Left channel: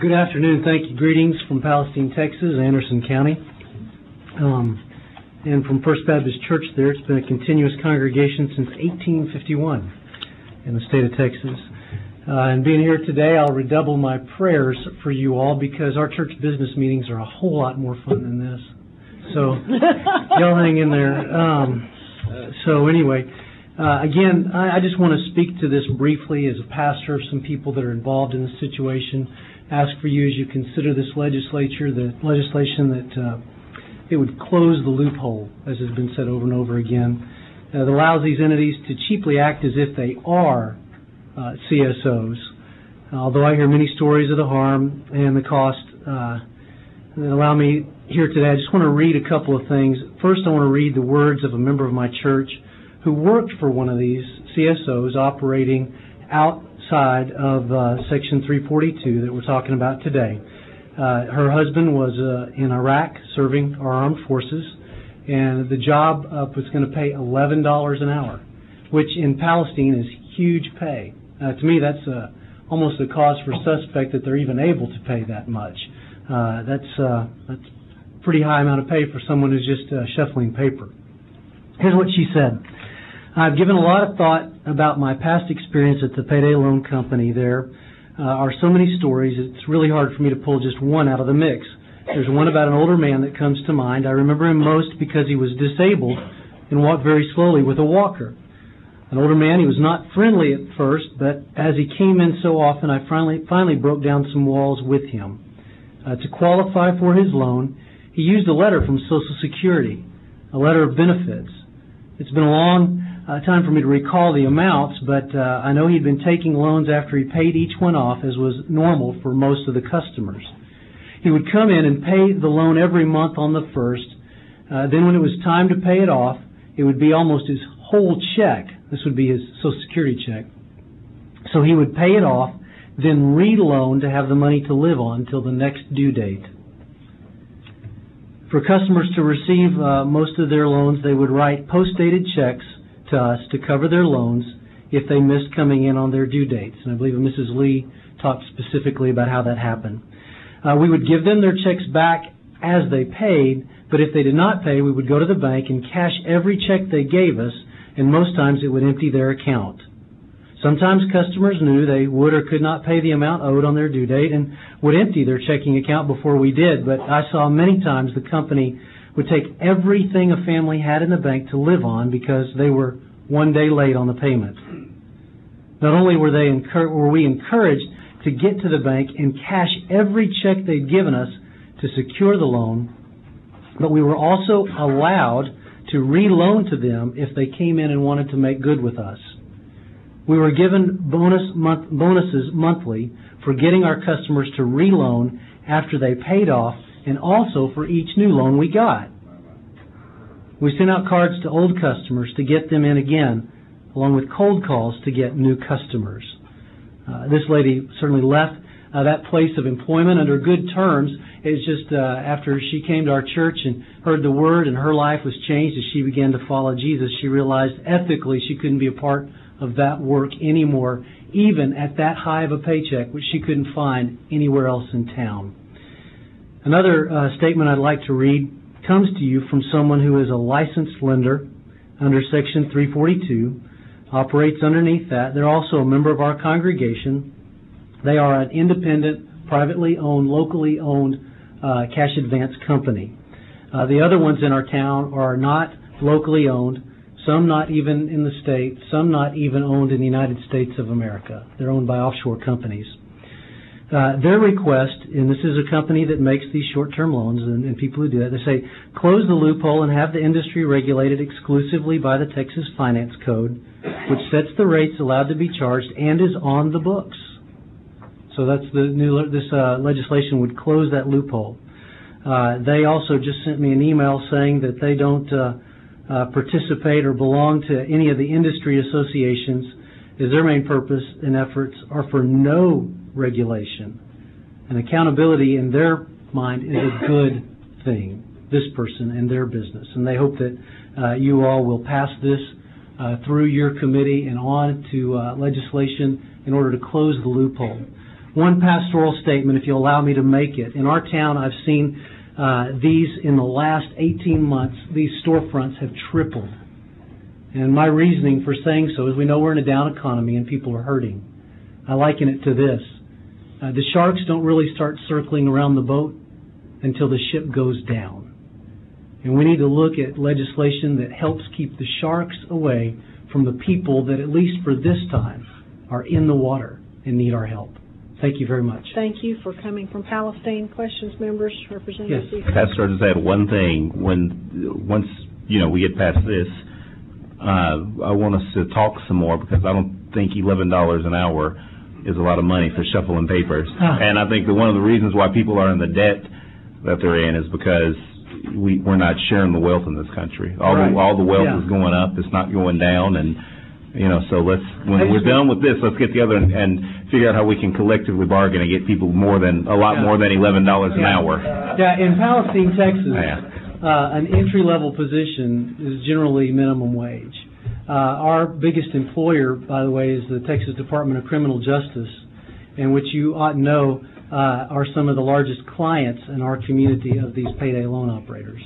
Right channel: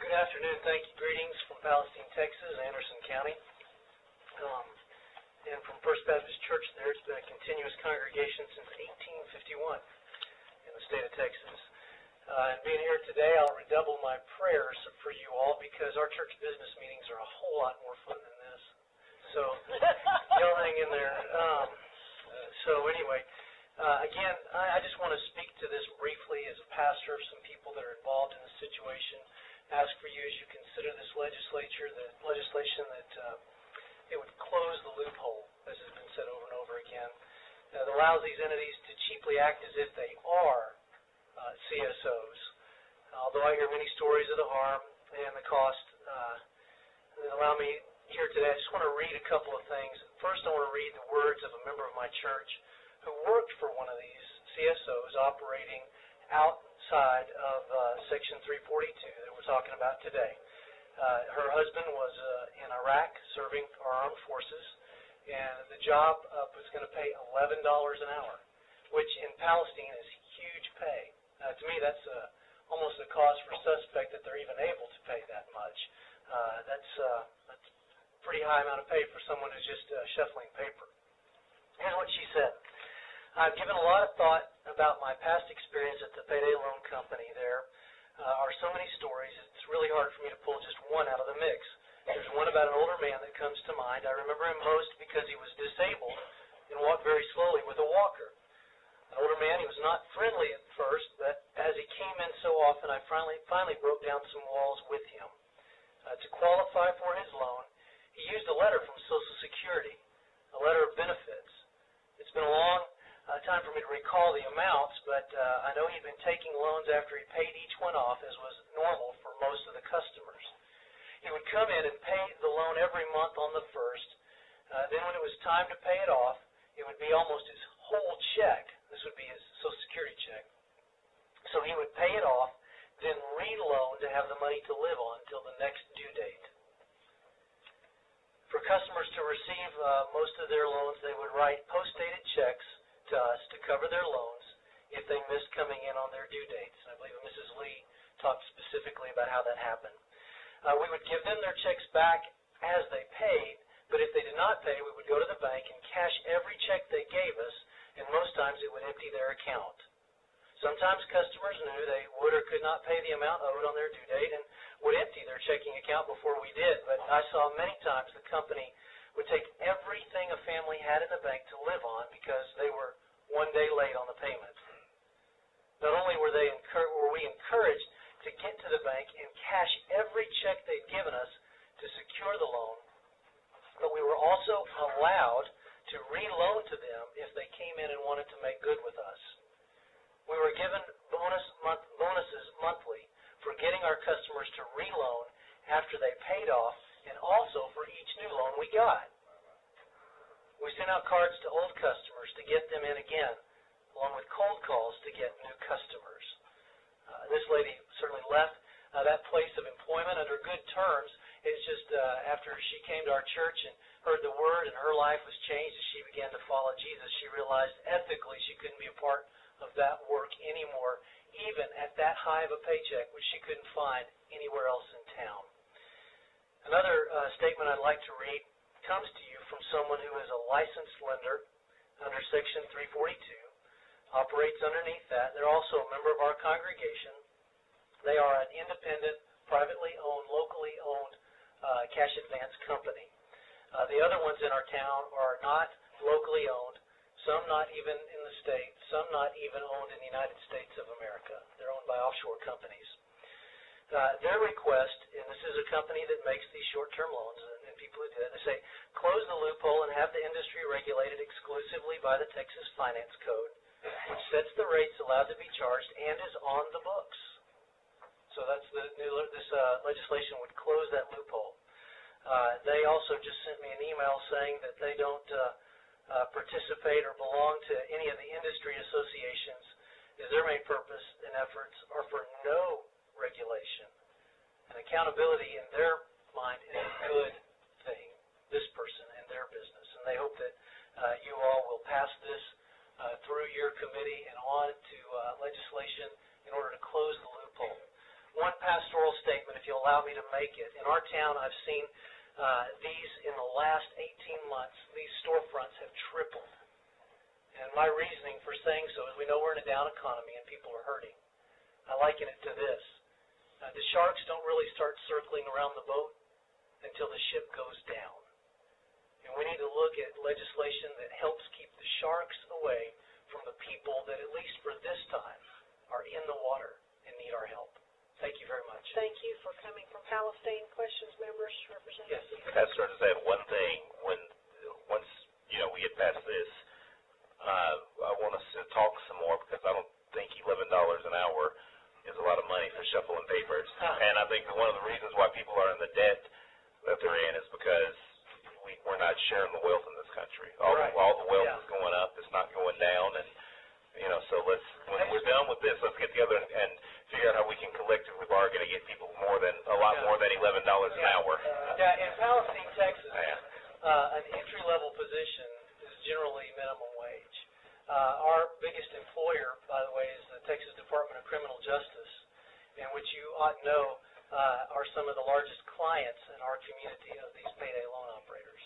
Good afternoon. Thank you. Greetings from Palestine, Texas, Anderson County, and from First Baptist Church there. It's been a continuous congregation since 1851 in the state of Texas. And being here today, I'll redouble my prayers for you all because our church business meetings are a whole lot more fun than this. So y'all hang in there. So anyway, again, I just want to speak to this briefly as a pastor of some people that are involved in this situation. Ask for you as you consider this legislation that it would close the loophole, as has been said over and over again, that allows these entities to cheaply act as if they are CSOs. Although I hear many stories of the harm and the cost that allow me here today, I just want to read a couple of things. First, I want to read the words of a member of my church who worked for one of these CSOs operating outside of Section 342 that we're talking about today. Her husband was in Iraq serving our armed forces, and the job was going to pay $11 an hour, which in Palestine is huge pay. To me, that's almost a cause for suspect that they're even able to pay that much. That's a pretty high amount of pay for someone who's just shuffling paper. Here's what she said. I've given a lot of thought about my past experience at the payday loan company. There are so many stories, it's really hard for me to pull just one out of the mix. There's one about an older man that comes to mind. I remember him most because he was disabled and walked very slowly with a walker. An older man, he was not friendly at first, but as he came in so often, I finally broke down some walls with him. To qualify for his loan, he used a letter from Social Security, a letter of benefits. It's been a long time for me to recall the amounts, but I know he'd been taking loans after he paid each one off, as was normal for most of the customers. He would come in and pay the loan every month on the first. Then when it was time to pay it off, it would be almost his whole check. This would be his Social Security check. So he would pay it off, then re-loan to have the money to live on until the next due date. For customers to receive most of their loans, they would write post-dated checks to us to cover their loans if they missed coming in on their due dates. And I believe Mrs. Lee talked specifically about how that happened. We would give them their checks back as they paid, but if they did not pay, we would go to the bank and cash every check they gave us, and most times it would empty their account. Sometimes customers knew they would or could not pay the amount owed on their due date and would empty their checking account before we did, but I saw many times the company would take everything a family had in the bank to live on because they were one day late on the payment. Not only were we encouraged to get to the bank and cash every check they'd given us to secure the loan, but we were also allowed to re-loan to them if they came in and wanted to make good with us. We were given bonuses monthly for getting our customers to re-loan after they paid off, and also for each new loan we got. We sent out cards to old customers to get them in again, along with cold calls to get new customers. This lady certainly left that place of employment under good terms. It's just after she came to our church and heard the word and her life was changed as she began to follow Jesus, she realized ethically she couldn't be a part of that work anymore, even at that high of a paycheck, which she couldn't find anywhere else in town. Another statement I'd like to read comes to you from someone who is a licensed lender under Section 342, operates underneath that. They're also a member of our congregation. They are an independent, privately owned, locally owned cash advance company. The other ones in our town are not locally owned, some not even in the state, some not even owned in the United States of America. They're owned by offshore companies. Their request, and this is a company that makes these short-term loans and people who do that, they say, close the loophole and have the industry regulated exclusively by the Texas Finance Code, which sets the rates allowed to be charged and is on the books. So that's this legislation would close that loophole. They also just sent me an email saying that they don't participate or belong to any of the industry associations, as their main purpose and efforts are for no regulation. And accountability in their mind is a good thing, this person and their business. And they hope that you all will pass this through your committee and on to legislation in order to close the loophole. One pastoral statement, if you'll allow me to make it. In our town, I've seen these in the last 18 months, these storefronts have tripled. And my reasoning for saying so is we know we're in a down economy and people are hurting. I liken it to this. The sharks don't really start circling around the boat until the ship goes down. And we need to look at legislation that helps keep the sharks away from the people that, at least for this time, are in the water and need our help. Thank you very much. Thank you for coming from Palestine. Questions, members, Representative? Yes. Pastor, I just add one thing. Once we get past this, I want us to talk some more, because I don't think $11 an hour is a lot of money for shuffling papers. And I think that one of the reasons why people are in the debt that they're in is because we're not sharing the wealth in this country. All the wealth is going up. It's not going down. And so when we're done with this, let's get together and figure out how we can collectively bargain and get people more than $11 an hour. Yeah, in Palestine, Texas, an entry-level position is generally minimum wage. Our biggest employer, by the way, is the Texas Department of Criminal Justice, in which you ought to know are some of the largest clients in our community of these payday loan operators.